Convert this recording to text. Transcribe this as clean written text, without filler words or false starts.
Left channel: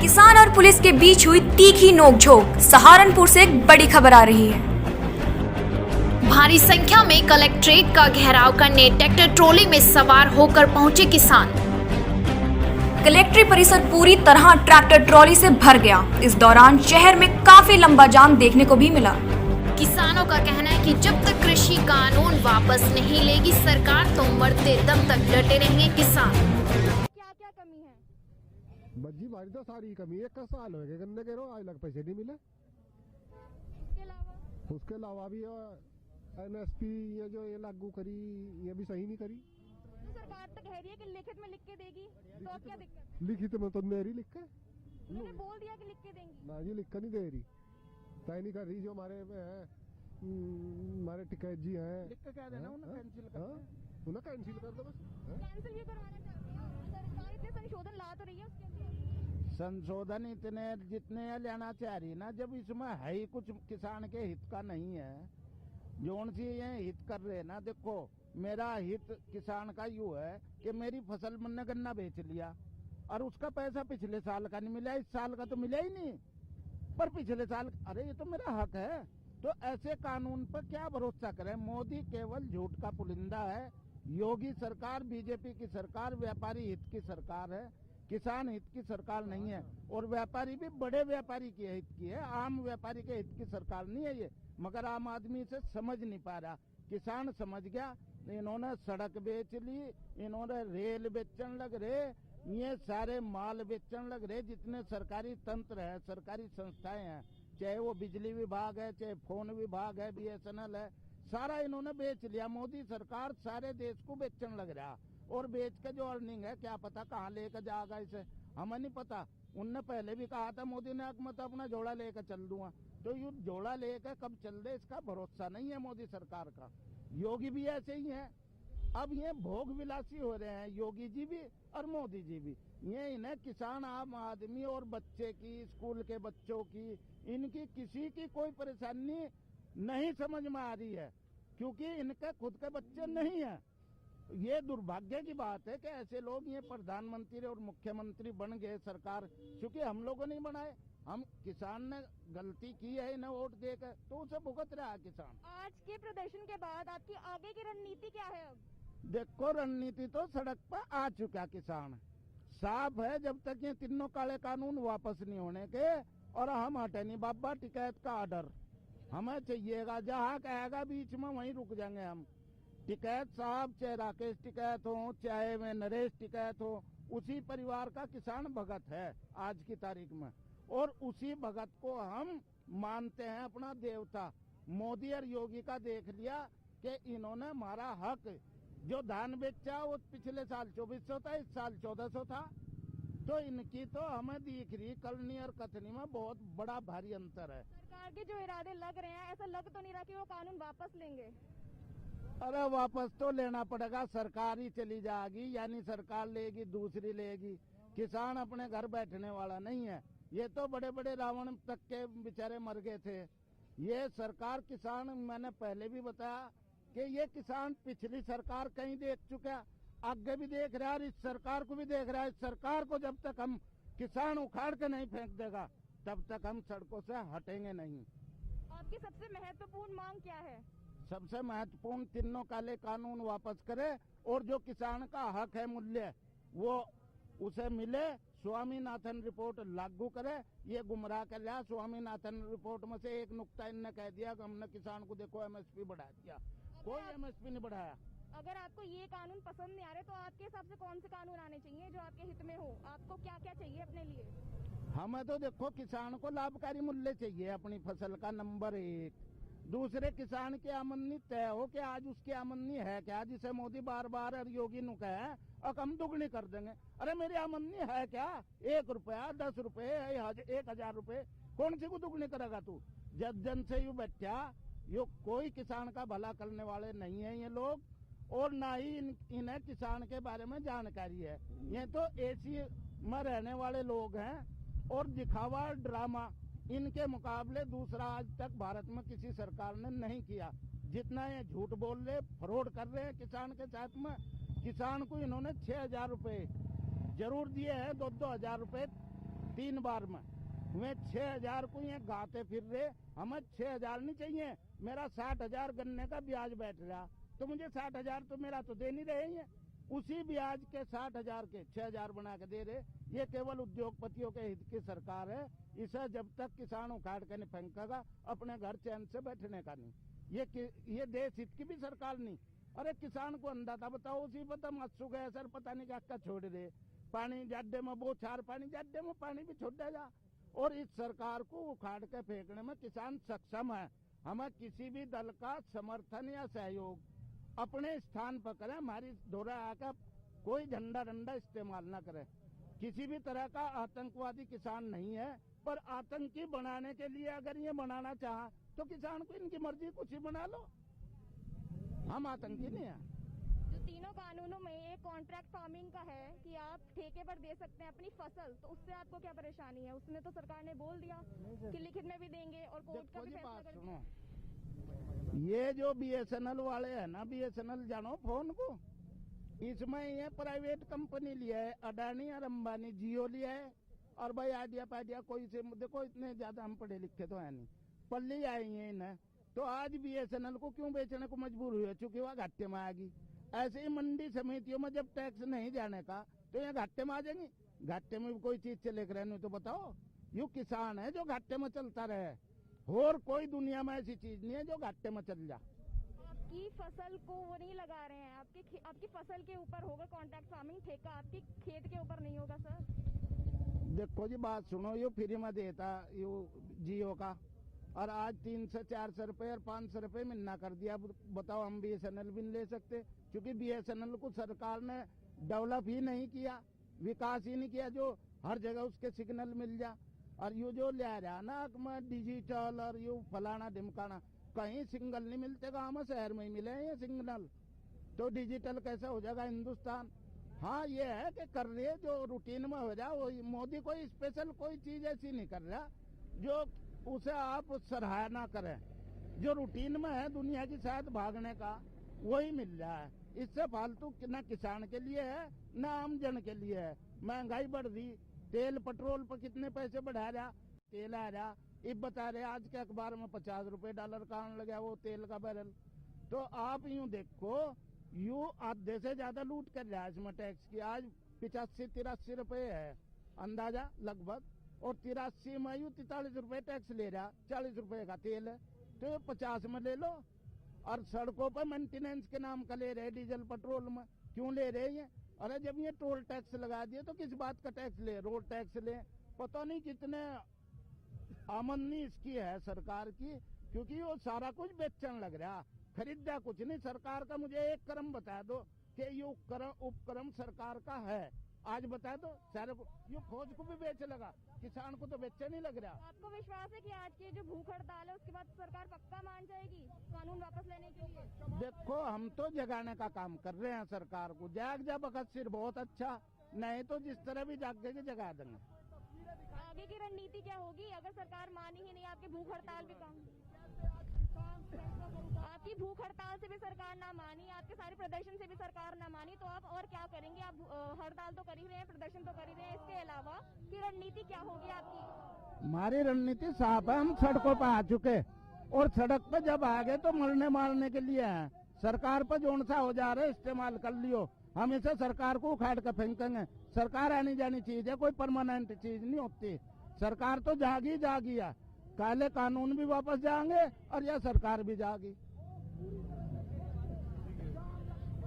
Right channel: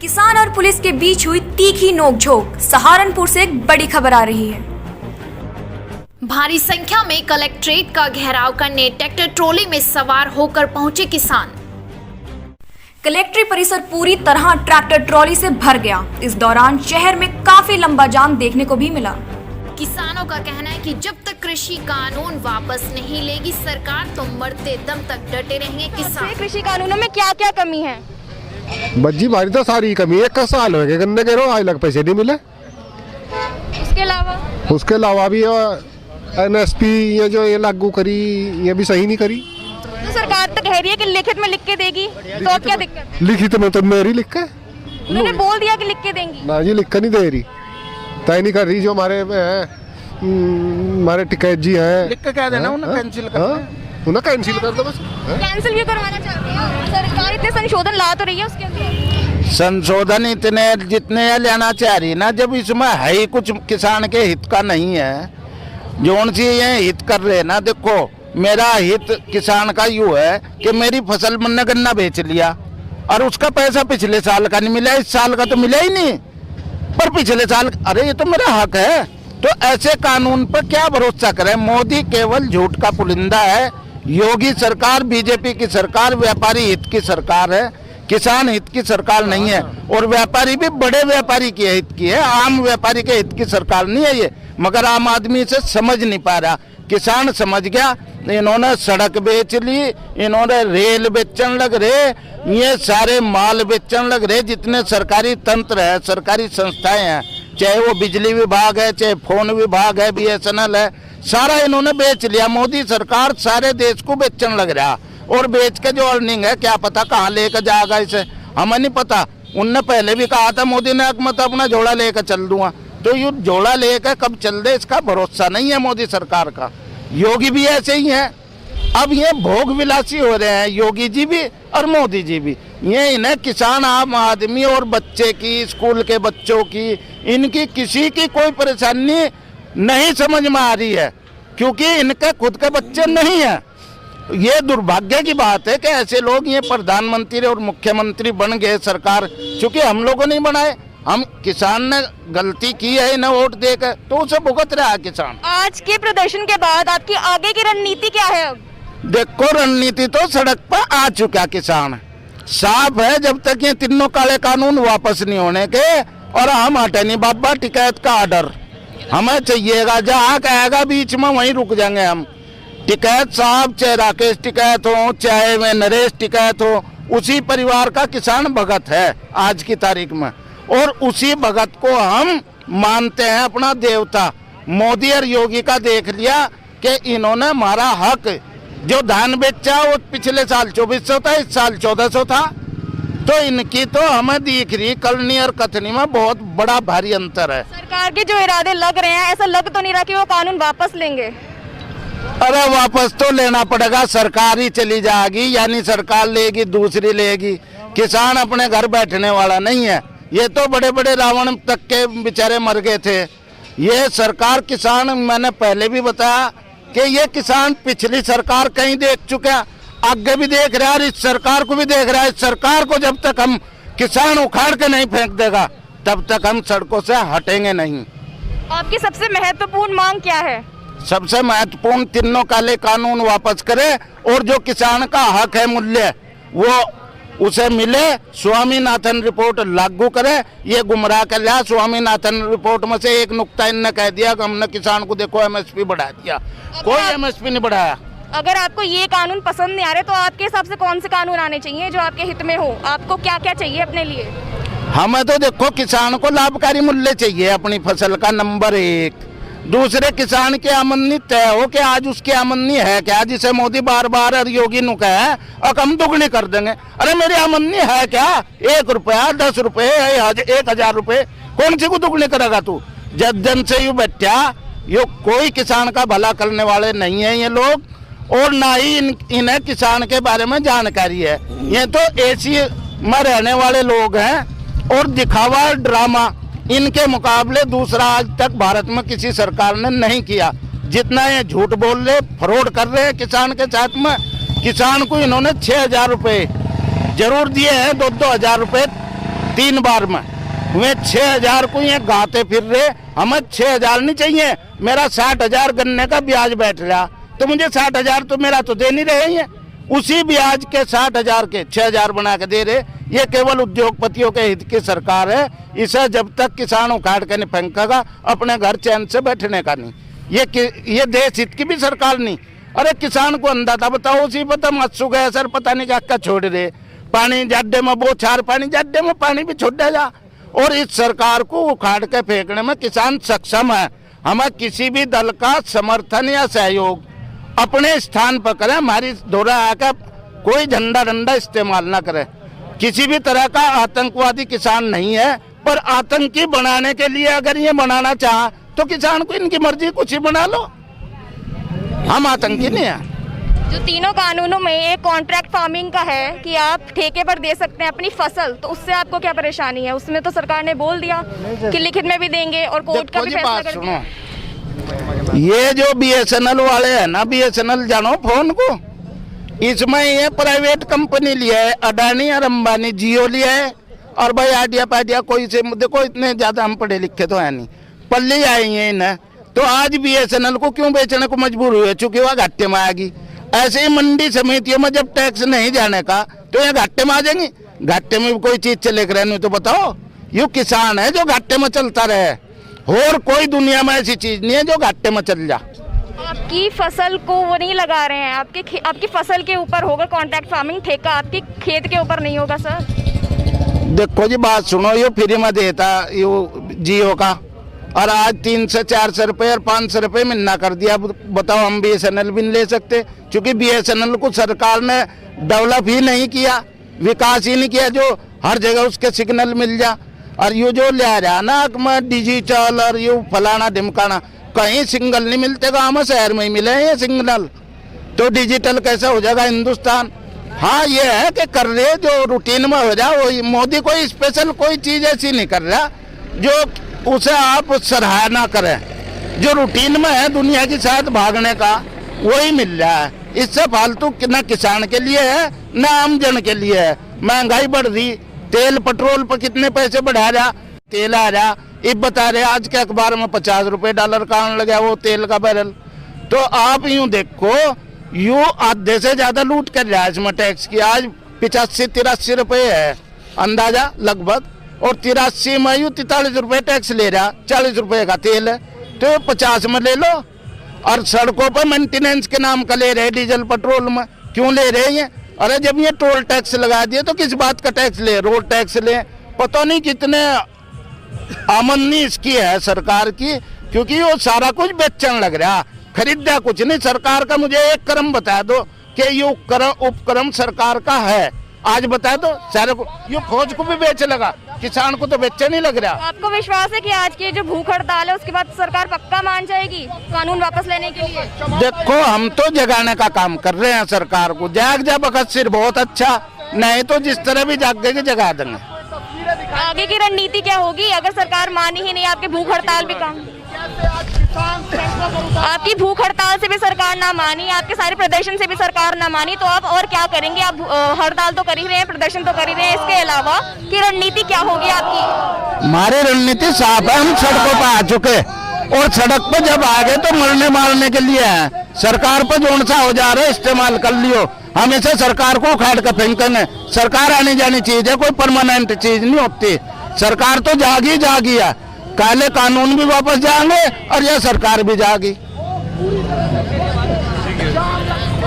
किसान और पुलिस के बीच हुई तीखी नोकझोंक। सहारनपुर से एक बड़ी खबर आ रही है। भारी संख्या में कलेक्ट्रेट का घेराव करने ट्रैक्टर ट्रॉली में सवार होकर पहुंचे किसान। कलेक्ट्रेट परिसर पूरी तरह ट्रैक्टर ट्रॉली से भर गया। इस दौरान शहर में काफी लंबा जाम देखने को भी मिला। किसानों का कहना है कि जब तक कृषि कानून वापस नहीं लेगी सरकार तो मरते दम तक डटे रहेंगे किसान। कृषि कानूनों में क्या क्या कमी है? बज्जी भारी तो सारी कमी है। 1 साल हो गए गन्ने के रो आज लग पैसे नहीं मिले। उसके अलावा भी NSP ये जो ये लागू करी ये भी सही नहीं करी। तो सरकार तो कह रही है कि लिखित में लिख के देगी, तो अब क्या दिक्कत? लिखित में तो मेरी लिख के उन्होंने बोल दिया कि लिख के देंगी। ना जी लिख के नहीं दे रही, तय नहीं कर रही। जो हमारे टिकैत जी हैं लिख के क्या देना, उन्हें कैंसिल कर उन्हें कैंसिल कर दो बस। कैंसिल क्यों करवाना चाहते हैं? सरकार इतने संशोधन ला तो रही है उसके अंदर। संशोधन इतने जितने लेना चाह रही ना, जब इसमें है ही कुछ किसान के हित का नहीं है। जोन सी ये हित कर रहे ना, देखो मेरा हित किसान का यूँ है कि मेरी फसल मैंने गन्ना बेच लिया और उसका पैसा पिछले साल का नहीं मिला, इस साल का तो मिला ही नहीं, पर पिछले साल अरे ये तो मेरा हक है। तो ऐसे कानून पर क्या भरोसा करें? मोदी केवल झूठ का पुलिंदा है। योगी सरकार, बीजेपी की सरकार व्यापारी हित की सरकार है, किसान हित की सरकार नहीं है। और व्यापारी भी बड़े व्यापारी के हित की है, आम व्यापारी के हित की सरकार नहीं है ये। मगर आम आदमी से समझ नहीं पा रहा। किसान समझ गया, इन्होंने सड़क बेच ली, इन्होंने रेल बेचन लग रहे, ये सारे माल बेचन लग रहे। जितने सरकारी तंत्र है, सरकारी संस्थाएं हैं, चाहे वो बिजली विभाग है, चाहे फोन विभाग है, BSNL है, सारा इन्होंने बेच लिया। मोदी सरकार सारे देश को बेचन लग रहा। और बेच के जो अर्निंग है क्या पता कहाँ लेकर जाएगा इसे, हमें नहीं पता। उनने पहले भी कहा था मोदी ने मत अपना झोला लेकर चल दूंगा, तो ये झोला लेकर कब चल दे इसका भरोसा नहीं है मोदी सरकार का। योगी भी ऐसे ही है। अब ये भोग विलासी हो रहे हैं योगी जी भी और मोदी जी भी। ये इन्हें किसान, आम आदमी और बच्चे की, स्कूल के बच्चों की, इनकी किसी की कोई परेशानी नहीं समझ में आ रही है, क्योंकि इनके खुद के बच्चे नहीं है। ये दुर्भाग्य की बात है कि ऐसे लोग ये प्रधानमंत्री और मुख्यमंत्री बन गए सरकार, क्योंकि हम लोगों ने बनाए। हम किसान ने गलती की है इन्हें वोट देकर, तो उसे भुगत रहा है किसान। आज के प्रदर्शन के बाद आपकी आगे की रणनीति क्या है? अब देखो रणनीति तो सड़क पर आ चुका किसान, साफ है। जब तक ये तीनों काले कानून वापस नहीं होने के और हम हटे नहीं बाबा, टिकैत का ऑर्डर हमें चाहिएगा। जहाँ कहेगा बीच में वहीं रुक जाएंगे हम। टिकैत साहब, चाहे राकेश टिकैत हो, चाहे वे नरेश टिकैत हो, उसी परिवार का किसान भगत है आज की तारीख में। और उसी भगत को हम मानते हैं अपना देवता। मोदी और योगी का देख लिया कि इन्होंने हमारा हक, जो धान बेचा वो पिछले साल 2400 था, इस साल 1400 था। तो इनकी तो हमें दिख रही करनी और कथनी में बहुत बड़ा भारी अंतर है। सरकार के जो इरादे लग रहे हैं, ऐसा लग तो नहीं रहा कि वो कानून वापस लेंगे? अरे वापस तो लेना पड़ेगा। सरकार ही चली जाएगी, यानी सरकार लेगी दूसरी लेगी। किसान अपने घर बैठने वाला नहीं है। ये तो बड़े बड़े रावण तक के बेचारे मर गए थे। ये सरकार किसान, मैंने पहले भी बताया कि ये किसान पिछली सरकार कहीं देख चुके हैं, आगे भी देख रहा है और इस सरकार को भी देख रहा है। इस सरकार को जब तक हम किसान उखाड़ के नहीं फेंक देगा तब तक हम सड़कों से हटेंगे नहीं। आपकी सबसे महत्वपूर्ण मांग क्या है? सबसे महत्वपूर्ण, तीनों काले कानून वापस करे और जो किसान का हक है, मूल्य, वो उसे मिले। स्वामीनाथन रिपोर्ट लागू करे। ये गुमराह कर लिया। स्वामीनाथन रिपोर्ट में से एक नुक्ता इनने कह दिया कि हमने किसान को देखो MSP बढ़ा दिया। कोई MSP नहीं बढ़ाया। अगर आपको ये कानून पसंद नहीं आ रहे तो आपके हिसाब से कौन से कानून आने चाहिए जो आपके हित में हो? आपको क्या क्या चाहिए अपने लिए? हमें तो देखो किसान को लाभकारी मूल्य चाहिए अपनी फसल का, नंबर 1। दूसरे, किसान की आमदनी तय हो कि आज उसकी आमदनी है क्या, जिसे मोदी बार बार और योगी नु कहे और हम दुगनी कर देंगे। अरे मेरी आमदनी है क्या? 1 रुपया, 10 रुपये, 1000 रुपये, कौन सी को दुगनी करेगा तू? जन से यू बैठा, यो कोई किसान का भला करने वाले नहीं है ये लोग, और ना ही इन्हें किसान के बारे में जानकारी है। ये तो एसी में रहने वाले लोग हैं और दिखावा, ड्रामा इनके मुकाबले दूसरा आज तक भारत में किसी सरकार ने नहीं किया। जितना ये झूठ बोल रहे, फ्रॉड कर रहे हैं किसान के साथ में। किसान को इन्होंने 6000 रुपये जरूर दिए हैं, 2-2 हजार रुपये 3 बार में वे 6,000 को ये गाते फिर रहे। हमें 6,000 नहीं चाहिए, मेरा 60,000 गन्ने का ब्याज बैठ रहा, तो मुझे 60,000 तो मेरा तो दे नहीं रहे हैं। उसी ब्याज के 60,000 के 6,000 बना के दे रहे। ये केवल उद्योगपतियों के हित की सरकार है। इसे जब तक किसान उखाड़ के नहीं फेंकेगा, अपने घर चैन से बैठने का नहीं। ये देश हित की भी सरकार नहीं। अरे किसान को अंदाजा बताओ, उसी पता मत्सू गया सर, पता नहीं क्या छोड़ रहे। पानी जाड्डे में बोछार पानी, जाड्डे में पानी भी छोड़ जा। और इस सरकार को उखाड़ के फेंकने में किसान सक्षम है। हमें किसी भी दल का समर्थन या सहयोग अपने स्थान पर करें। हमारी दोहरा आकर कोई झंडा डंडा इस्तेमाल ना करे। किसी भी तरह का आतंकवादी किसान नहीं है, पर आतंकी बनाने के लिए अगर ये बनाना चाहा तो किसान को इनकी मर्जी कुछ ही बना लो। हम आतंकी नहीं है। जो तीनों कानूनों में एक कॉन्ट्रैक्ट फार्मिंग का है कि आप ठेके पर दे सकते हैं अपनी फसल, तो उससे आपको क्या परेशानी है? उसमें तो सरकार ने बोल दिया कि लिखित में भी देंगे और कोर्ट का भी फैसला कर दिया। ये जो BSNL वाले हैं ना, BSNL जानो फोन को, इसमें ये प्राइवेट कंपनी लिया है, अडानी और अंबानी, जियो लिया है। और भाई आइडिया पाइडिया कोई से, देखो इतने ज्यादा हम पढ़े लिखे तो है नहीं, पल्ले आई है इन्हें। तो आज BSNL को क्यों बेचने को मजबूर हुए? चूंकि वह घाटे में आएगी। ऐसे ही मंडी समितियों में जब टैक्स नहीं जाने का, तो ये घाटे में आ जाएंगी। घाटे में भी कोई चीज चले कर नहीं तो बताओ। ये किसान है जो घाटे में चलता रहे, और कोई दुनिया में ऐसी चीज नहीं है जो घाटे में चल जा। आपकी फसल को वो नहीं लगा रहे हैं, आपकी फसल के ऊपर होगा कॉन्ट्रैक्ट फार्मिंग, ठेका आपके खेत के ऊपर नहीं होगा सर। देखो जी बात सुनो, ये फ्री में देता ये जियो का, और आज 300 400 रुपए और 500 रुपए मिलना कर दिया। बताओ हम BSNL भी नहीं ले सकते, क्योंकि BSNL को सरकार ने डेवलप ही नहीं किया, विकास ही नहीं किया जो हर जगह उसके सिग्नल मिल जा। और ये जो ले रहा ना मैं डिजिटल और ये फलाना ढिमकाना, कहीं सिग्नल नहीं मिलते, गाँव में शहर में ही मिले हैं ये सिग्नल। तो डिजिटल कैसा हो जाएगा हिंदुस्तान? हाँ ये है कि कर रहे जो रूटीन में हो जाए। वो मोदी कोई स्पेशल कोई चीज ऐसी नहीं कर रहा जो उसे आप सराहना करें। जो रूटीन में है दुनिया के साथ भागने का, वही मिल रहा है। इससे फालतू न किसान के लिए है न आम जन के लिए है। महंगाई बढ़ रही, तेल पेट्रोल पर कितने पैसे बढ़ा रहा, तेल आ रहा, अब बता रहे आज के अखबार में 50 रुपए डॉलर का आने लगा वो तेल का बैरल। तो आप यूं देखो, यूं आधे से ज्यादा लूट कर रहा है इसमें टैक्स की। आज 85-83 रुपए है अंदाजा लगभग, और 83 में यूं 43 रुपए टैक्स ले रहा। 40 रुपए का तेल है तो 50 में ले लो। और सड़कों पर मेंटेनेंस के नाम का ले रहे, डीजल पेट्रोल में क्यों ले रहे हैं? अरे जब ये टोल टैक्स लगा दिए तो किस बात का टैक्स ले? रोड टैक्स ले। पता नहीं कितने आमदनी इसकी है सरकार की, क्योंकि वो सारा कुछ बेचने लग रहा, खरीदा कुछ नहीं। सरकार का मुझे एक क्रम बता दो कि ये उपक्रम सरकार का है, आज बता दो। सारे को ये फौज को भी बेच लगा, किसान को तो बेचे नहीं लग रहा। आपको विश्वास है कि आज की जो भूख हड़ताल है उसके बाद सरकार पक्का मान जाएगी कानून वापस लेने के लिए? देखो हम तो जगाने का काम कर रहे हैं सरकार को। जाग जा बखत सिर बहुत अच्छा, नहीं तो जिस तरह भी जागेगी जगा देंगे। आगे की रणनीति क्या होगी अगर सरकार मानी ही नहीं? आपकी भूख हड़ताल भी काम, आपकी भूख हड़ताल से भी सरकार ना मानी, आपके सारे प्रदर्शन से भी सरकार ना मानी, तो आप और क्या करेंगे? आप हड़ताल तो कर ही रहे हैं, प्रदर्शन तो कर ही रहे हैं, इसके अलावा की रणनीति क्या होगी आपकी? हमारी रणनीति साफ है। हम सड़कों पर आ चुके, और सड़क पर जब आ गए तो मरने मारने के लिए है। सरकार पर जोन सा हो जा रहा है इस्तेमाल कर लियो। हमेशा सरकार को उखाड़ कर फेंकने। सरकार आने जानी चीज है, कोई परमानेंट चीज नहीं होती। सरकार तो जागी है, काले कानून भी वापस जाएंगे और यह सरकार भी जागी।